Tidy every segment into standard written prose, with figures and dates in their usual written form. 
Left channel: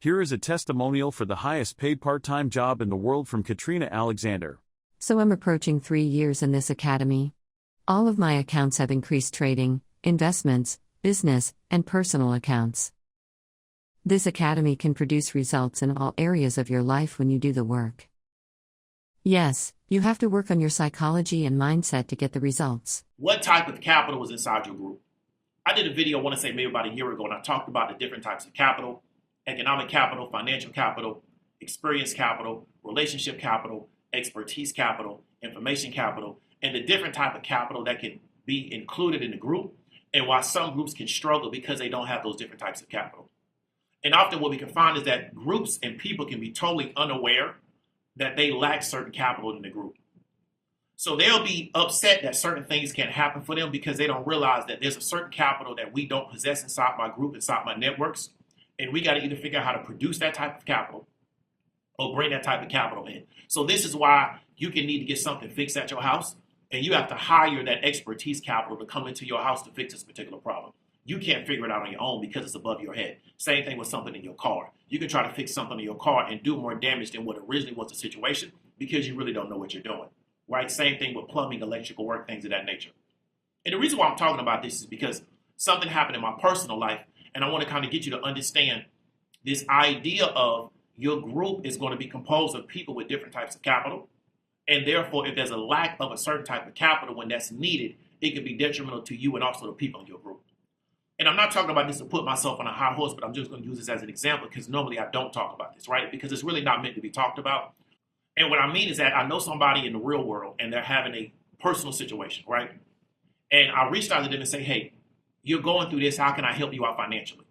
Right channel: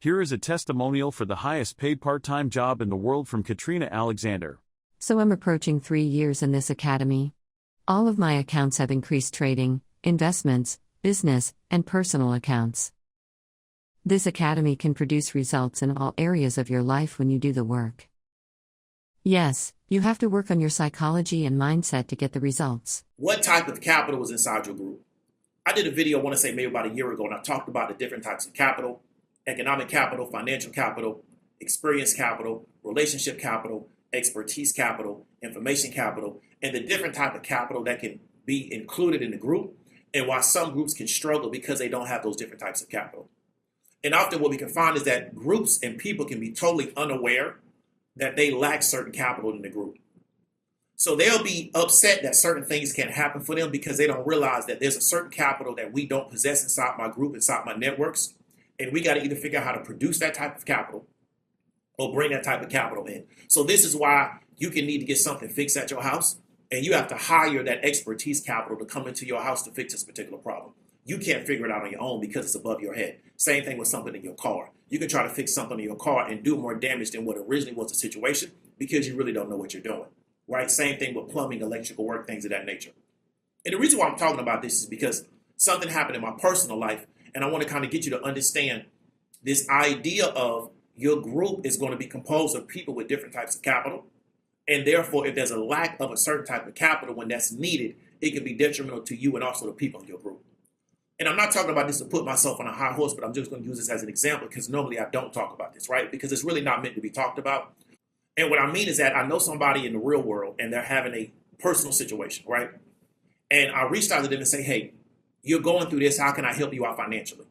Here is a testimonial for the highest paid part-time job in the world from Katrina Alexander. So I'm approaching 3 years in this academy. All of my accounts have increased trading, investments, business, and personal accounts. This academy can produce results in all areas of your life when you do the work. Yes, you have to work on your psychology and mindset to get the results. What type of capital was inside your group? I did a video, I want to say maybe about a year ago, and I talked about the different types of capital: economic capital, financial capital, experience capital, relationship capital, expertise capital, information capital, and the different type of capital that can be included in the group, and why some groups can struggle because they don't have those different types of capital. And often what we can find is that groups and people can be totally unaware that they lack certain capital in the group. So they'll be upset that certain things can't happen for them because they don't realize that there's a certain capital that we don't possess inside my group, inside my networks. And we got to either figure out how to produce that type of capital or bring that type of capital in. So this is why you can need to get something fixed at your house, and you have to hire that expertise capital to come into your house to fix this particular problem. You can't figure it out on your own because it's above your head. Same thing with something in your car. You can try to fix something in your car and do more damage than what originally was the situation because you really don't know what you're doing, right? Same thing with plumbing, electrical work, things of that nature. And the reason why I'm talking about this is because something happened in my personal life, and I want to kind of get you to understand this idea of your group is going to be composed of people with different types of capital. And therefore, if there's a lack of a certain type of capital when that's needed, it can be detrimental to you and also the people in your group. And I'm not talking about this to put myself on a high horse, but I'm just going to use this as an example because normally I don't talk about this, right? Because it's really not meant to be talked about. And what I mean is that I know somebody in the real world and they're having a personal situation, right? And I reached out to them and say, hey, you're going through this. How can I help you out financially?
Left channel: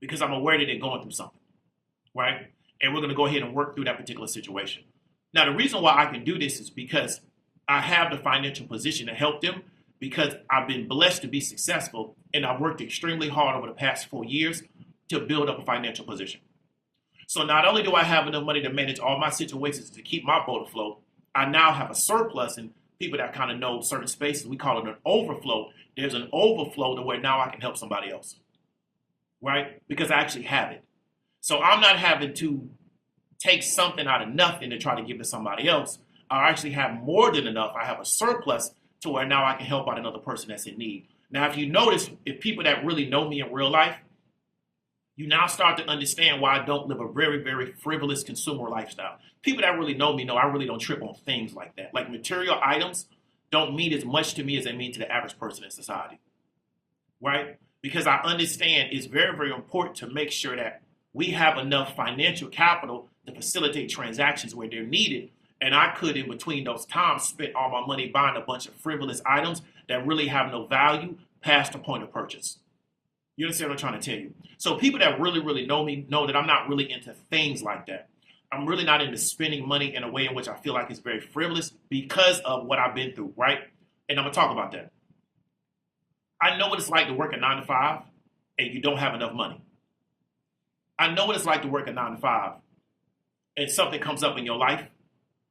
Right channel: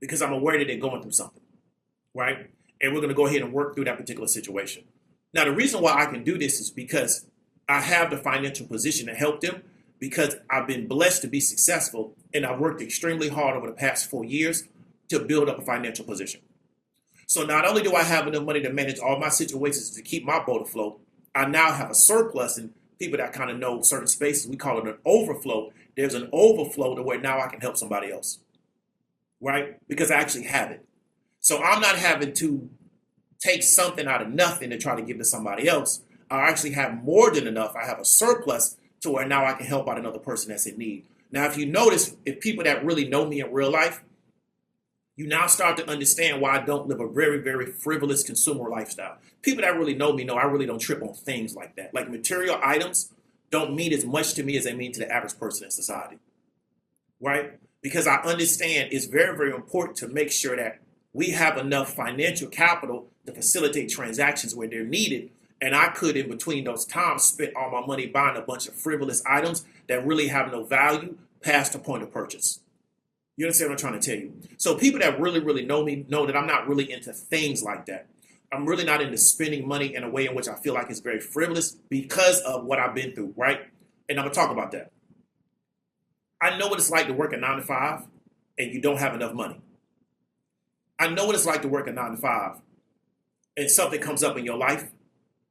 Because I'm aware that they're going through something, right? And we're going to go ahead and work through that particular situation. Now, the reason why I can do this is because I have the financial position to help them, because I've been blessed to be successful, and I've worked extremely hard over the past 4 years to build up a financial position. So not only do I have enough money to manage all my situations to keep my boat afloat, I now have a surplus, and people that kind of know certain spaces, we call it an overflow. There's an overflow to where now I can help somebody else, right? Because I actually have it. So I'm not having to take something out of nothing to try to give to somebody else. I actually have more than enough. I have a surplus to where now I can help out another person that's in need. Now, if you notice, if people that really know me in real life, you now start to understand why I don't live a very, very frivolous consumer lifestyle. People that really know me know I really don't trip on things like that. Like material items don't mean as much to me as they mean to the average person in society, right? Because I understand it's very, very important to make sure that we have enough financial capital to facilitate transactions where they're needed. And I could, in between those times, spend all my money buying a bunch of frivolous items that really have no value past the point of purchase. You understand what I'm trying to tell you? So people that really, really know me know that I'm not really into things like that. I'm really not into spending money in a way in which I feel like it's very frivolous because of what I've been through, right? And I'm going to talk about that. I know what it's like to work a 9 to 5 and you don't have enough money. I know what it's like to work a 9 to 5 and something comes up in your life.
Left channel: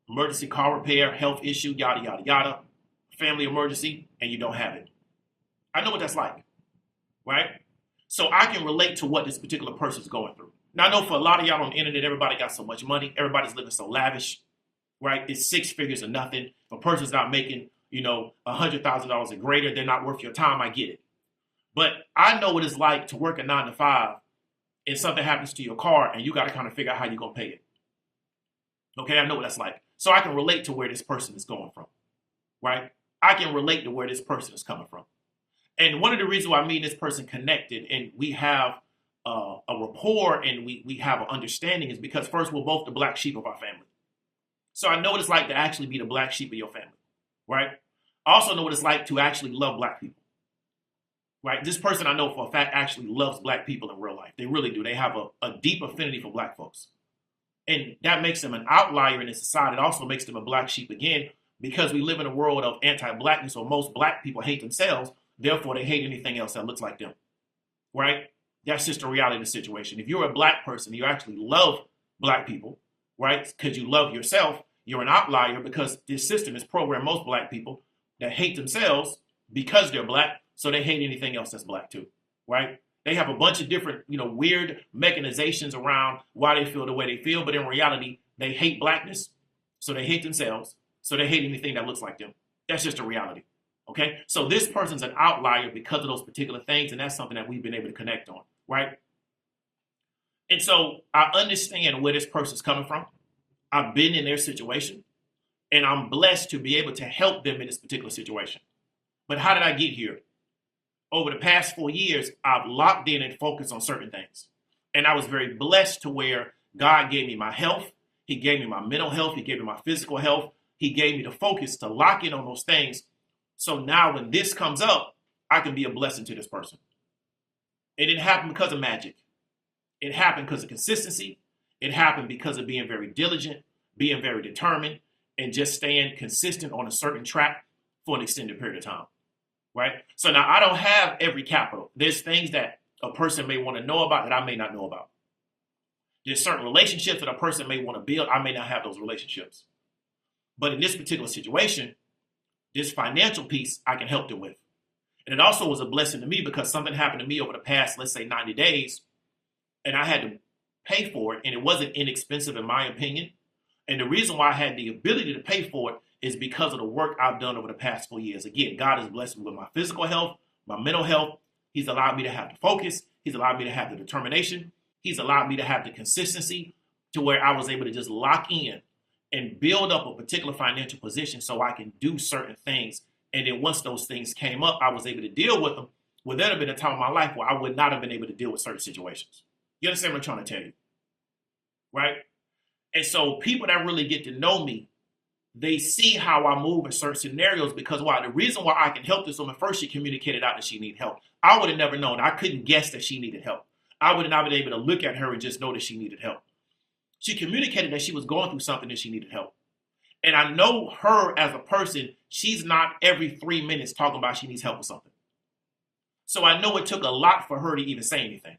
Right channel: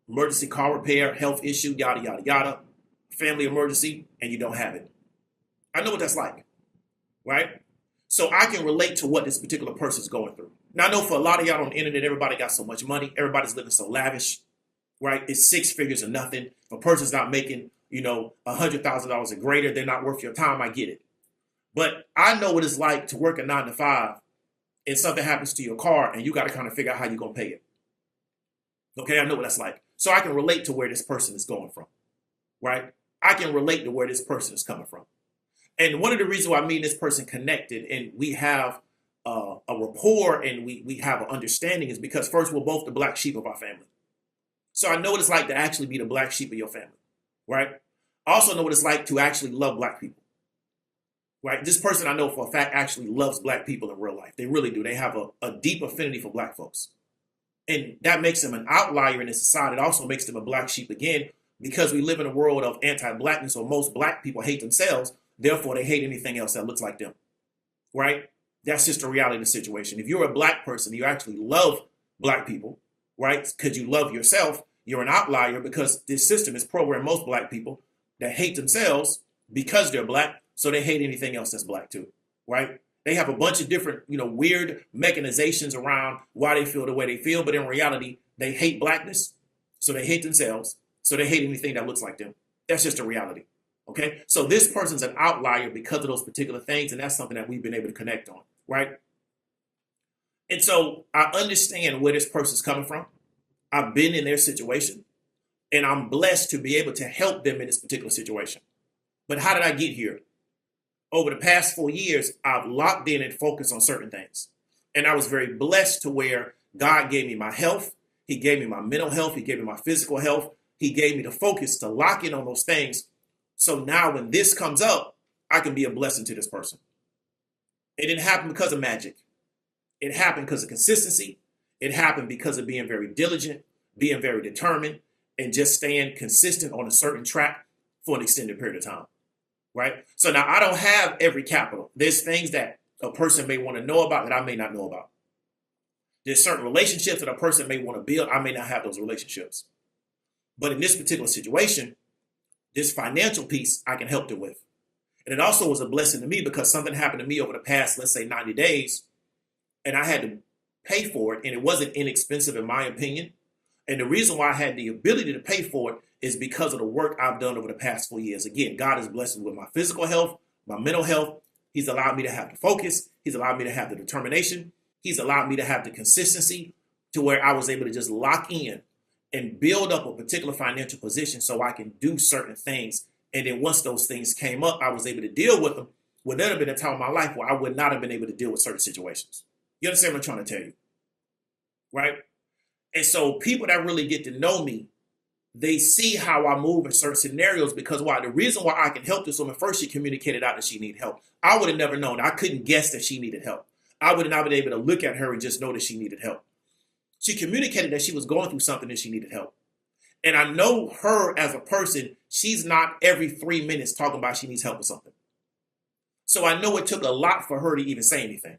Emergency car repair, health issue, yada, yada, yada, family emergency, and you don't have it. I know what that's like, right? So I can relate to what this particular person's going through. Now, I know for a lot of y'all on the internet, everybody got so much money. Everybody's living so lavish, right? It's 6 figures or nothing. If a person's not making, $100,000 or greater, they're not worth your time. I get it. But I know what it's like to work a 9 to 5 and something happens to your car and you got to kind of figure out how you're going to pay it. Okay, I know what that's like. So I can relate to where this person is going from, right? I can relate to where this person is coming from. And one of the reasons why me and this person connected and we have a rapport and we have an understanding is because first, we're both the black sheep of our family. So I know what it's like to actually be the black sheep of your family, right? I also know what it's like to actually love black people, right? This person I know for a fact actually loves black people in real life. They really do. They have a deep affinity for black folks. And that makes them an outlier in the society. It also makes them a black sheep again, because we live in a world of anti-blackness, or most black people hate themselves. Therefore, they hate anything else that looks like them, right? That's just the reality of the situation. If you're a black person, you actually love black people, right? Because you love yourself, you're an outlier because this system has programmed most black people that hate themselves because they're black. So they hate anything else that's black too, right? They have a bunch of different, weird mechanizations around why they feel the way they feel. But in reality, they hate blackness. So they hate themselves. So they hate anything that looks like them. That's just a reality. Okay. So this person's an outlier because of those particular things. And that's something that we've been able to connect on. Right. And so I understand where this person's coming from. I've been in their situation. And I'm blessed to be able to help them in this particular situation. But how did I get here? Over the past 4 years, I've locked in and focused on certain things. And I was very blessed to where God gave me my health. He gave me my mental health. He gave me my physical health. He gave me the focus to lock in on those things. So now when this comes up, I can be a blessing to this person. It didn't happen because of magic. It happened because of consistency. It happened because of being very diligent, being very determined, and just staying consistent on a certain track for an extended period of time. Right? So now I don't have every capital. There's things that a person may want to know about that I may not know about. There's certain relationships that a person may want to build. I may not have those relationships. But in this particular situation, this financial piece, I can help them with. And it also was a blessing to me because something happened to me over the past, let's say 90 days, and I had to pay for it. And it wasn't inexpensive in my opinion. And the reason why I had the ability to pay for it is because of the work I've done over the past 4 years. Again, God has blessed me with my physical health, my mental health. He's allowed me to have the focus. He's allowed me to have the determination. He's allowed me to have the consistency to where I was able to just lock in and build up a particular financial position so I can do certain things. And then once those things came up, I was able to deal with them. Well, there'd have been a time in my life where I would not have been able to deal with certain situations. You understand what I'm trying to tell you? Right? And so people that really get to know me, they see how I move in certain scenarios because why? The reason why I can help this woman, first she communicated out that she needed help. I would have never known. I couldn't guess that she needed help. I would have not been able to look at her and just know that she needed help. She communicated that she was going through something and she needed help. And I know her as a person, she's not every 3 minutes talking about she needs help with something. So I know it took a lot for her to even say anything.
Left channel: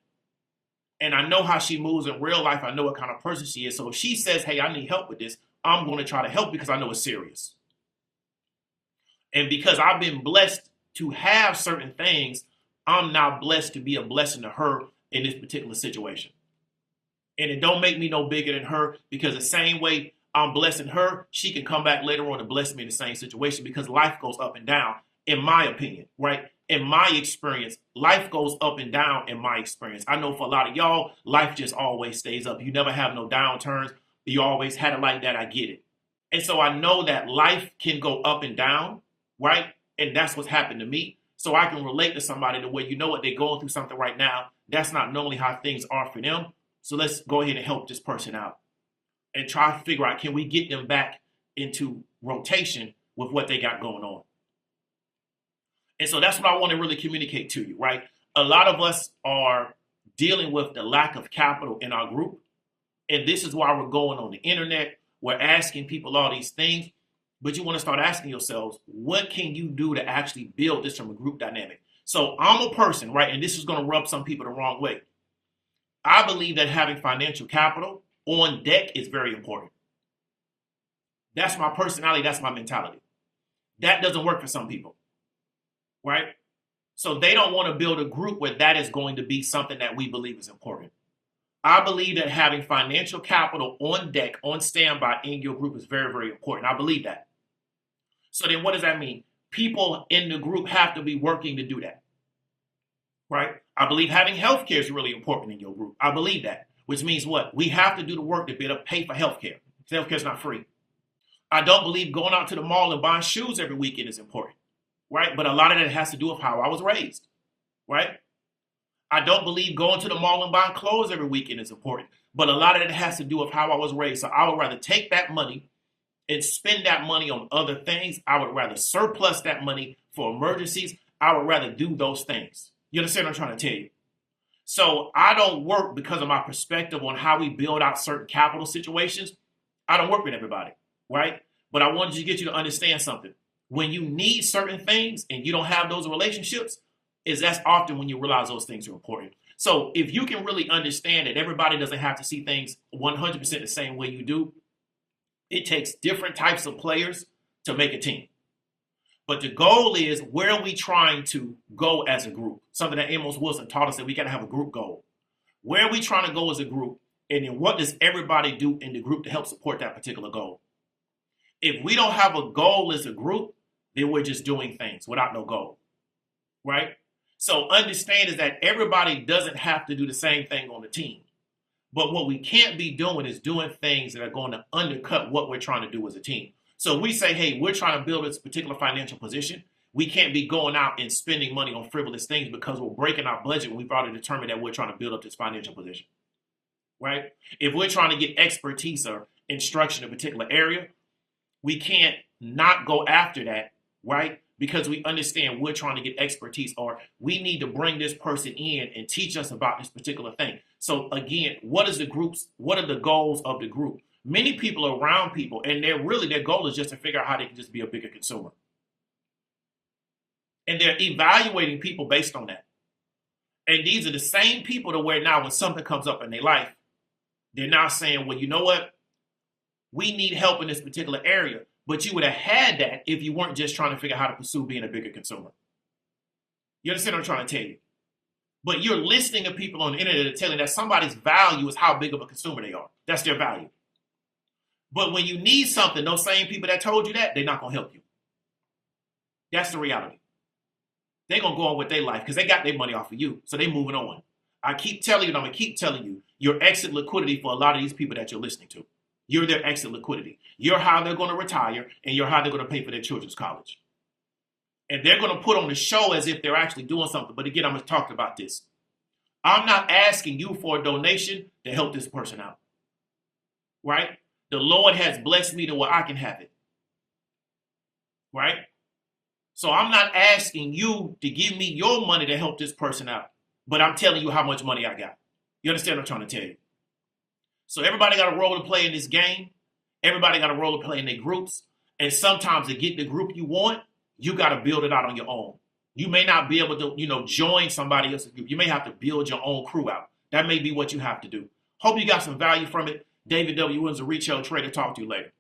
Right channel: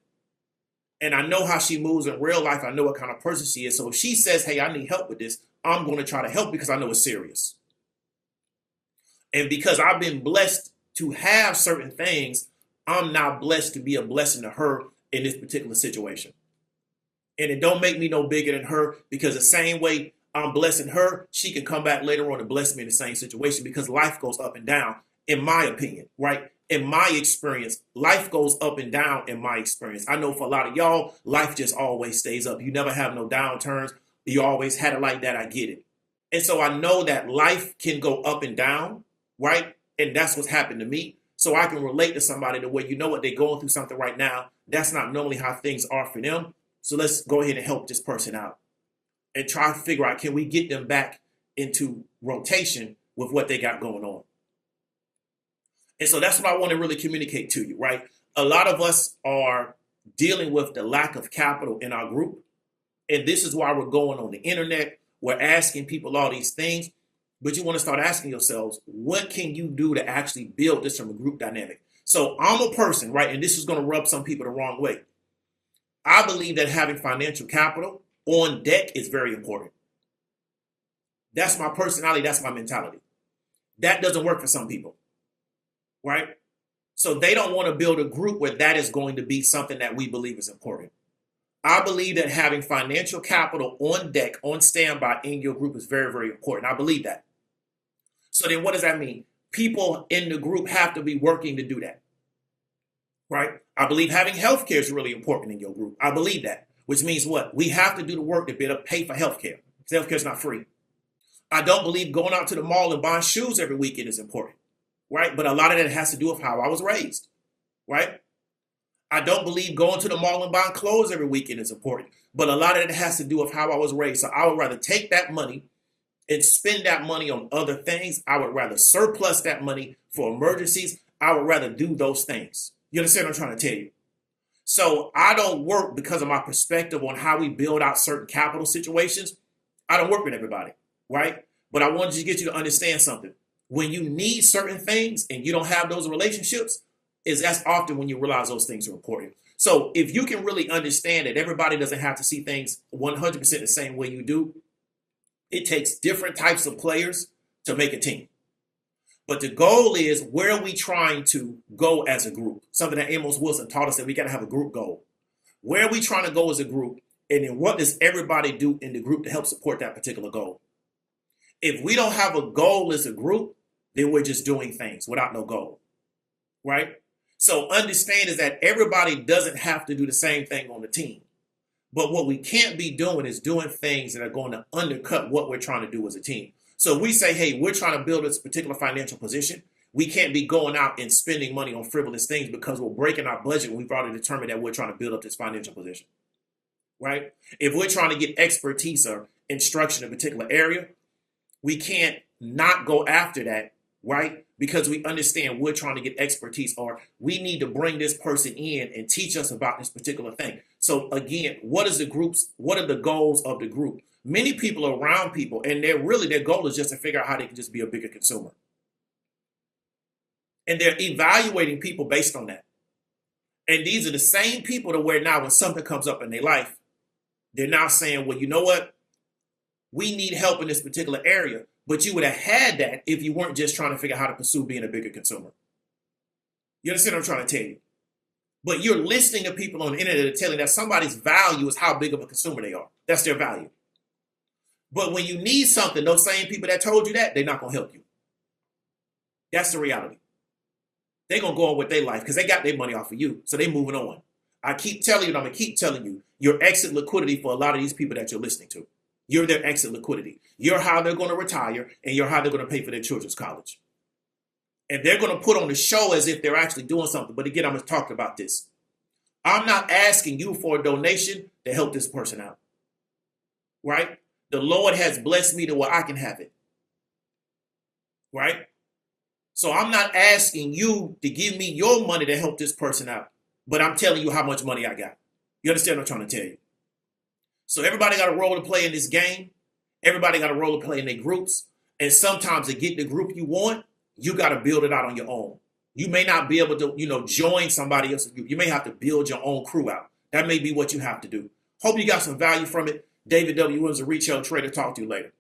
And I know how she moves in real life. I know what kind of person she is. So if she says, hey, I need help with this, I'm going to try to help because I know it's serious. And because I've been blessed to have certain things, I'm now blessed to be a blessing to her in this particular situation. And it don't make me no bigger than her because the same way I'm blessing her, she can come back later on and bless me in the same situation because life goes up and down, in my opinion, right? In my experience, life goes up and down in my experience. I know for a lot of y'all, life just always stays up. You never have no downturns. You always had it like that. I get it. And so I know that life can go up and down, right? And that's what's happened to me. So I can relate to somebody the way, you know what, they're going through something right now. That's not normally how things are for them. So let's go ahead and help this person out and try to figure out, can we get them back into rotation with what they got going on? And so that's what I want to really communicate to you, right? A lot of us are dealing with the lack of capital in our group. And this is why we're going on the internet. We're asking people all these things. But you want to start asking yourselves, what can you do to actually build this from a group dynamic? So I'm a person, right? And this is going to rub some people the wrong way. I believe that having financial capital on deck is very important. That's my personality. That's my mentality. That doesn't work for some people, right? So they don't want to build a group where that is going to be something that we believe is important. I believe that having financial capital on deck, on standby in your group is very, very important. I believe that. So then what does that mean? People in the group have to be working to do that, right? I believe having healthcare is really important in your group. I believe that, which means what? We have to do the work to be able to pay for healthcare. Healthcare is not free. I don't believe going out to the mall and buying shoes every weekend is important, right? But a lot of that has to do with how I was raised, right? I don't believe going to the mall and buying clothes every weekend is important, but a lot of it has to do with how I was raised. So I would rather take that money and spend that money on other things. I would rather surplus that money for emergencies. I would rather do those things. You understand what I'm trying to tell you? So I don't work because of my perspective on how we build out certain capital situations. I don't work with everybody, right? But I wanted to get you to understand something. When you need certain things and you don't have those relationships, that's often when you realize those things are important. So if you can really understand that everybody doesn't have to see things 100% the same way you do, it takes different types of players to make a team. But the goal is, where are we trying to go as a group? Something that Amos Wilson taught us, that we got to have a group goal. Where are we trying to go as a group? And then what does everybody do in the group to help support that particular goal? If we don't have a goal as a group, then we're just doing things without no goal, right? So understand is that everybody doesn't have to do the same thing on the team. But what we can't be doing is doing things that are going to undercut what we're trying to do as a team. So we say, hey, we're trying to build this particular financial position. We can't be going out and spending money on frivolous things because we're breaking our budget when we've already determined that we're trying to build up this financial position, right? If we're trying to get expertise or instruction in a particular area, we can't not go after that, right? Because we understand we're trying to get expertise, or we need to bring this person in and teach us about this particular thing. So again, what are the goals of the group? Many people are around people, and their goal is just to figure out how they can just be a bigger consumer. And they're evaluating people based on that. And these are the same people to where now when something comes up in their life, they're now saying, well, you know what? We need help in this particular area. But you would have had that if you weren't just trying to figure out how to pursue being a bigger consumer. You understand what I'm trying to tell you? But you're listening to people on the internet that are telling that somebody's value is how big of a consumer they are. That's their value. But when you need something, those same people that told you that, they're not going to help you. That's the reality. They're going to go on with their life because they got their money off of you. So they're moving on. I keep telling you, and I'm going to keep telling you, your exit liquidity for a lot of these people that you're listening to. You're their exit liquidity. You're how they're going to retire, and you're how they're going to pay for their children's college. And they're going to put on the show as if they're actually doing something. But again, I'm going to talk about this. I'm not asking you for a donation to help this person out, right? The Lord has blessed me to where I can have it, right? So I'm not asking you to give me your money to help this person out, but I'm telling you how much money I got. You understand what I'm trying to tell you? So everybody got a role to play in this game. Everybody got a role to play in their groups. And sometimes to get the group you want, you got to build it out on your own. You may not be able to, join somebody else's group. You may have to build your own crew out. That may be what you have to do. Hope you got some value from it. David W. Williams, a retail trader. Talk to you later.